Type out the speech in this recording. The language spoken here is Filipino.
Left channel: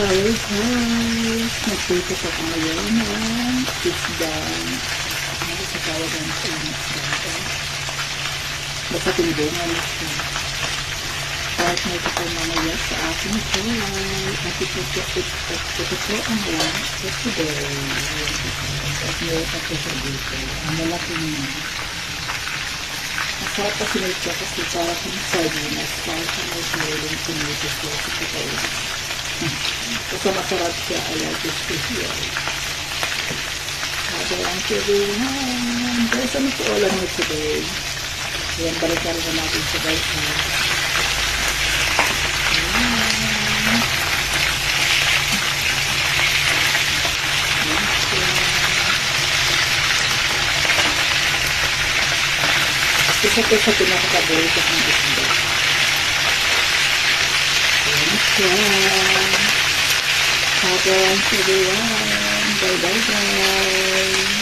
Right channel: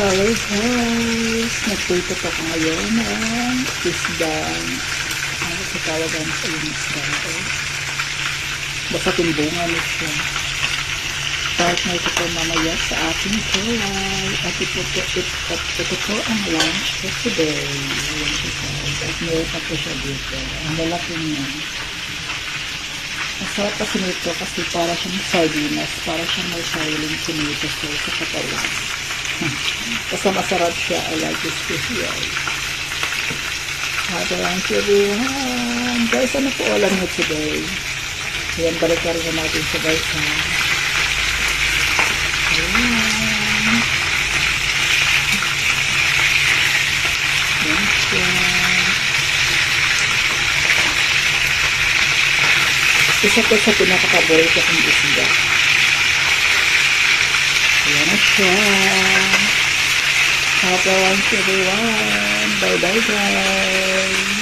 Color House. Nagpultot ako ngayon ng isda. Ano sa tawagan sa yung isda ito? Basta timbungan siya. Partner ko po mamaya sa aking kulay. At ito po ang lunch for today. At meron pa po siya dito. Ang lalaki niya. Masarap pa sinito kasi para siyang sardinas. Para siyang may sariling sinito sa katawan. Basta masarap siya. I like this special. Have a lunch everyone. Guys, ano po alam nyo today? Ayan, balik na rin natin sa baita. Isa po sa pinaka-paborito kong isda. Ayan na siya. Have a lunch everyone. Bye bye guys.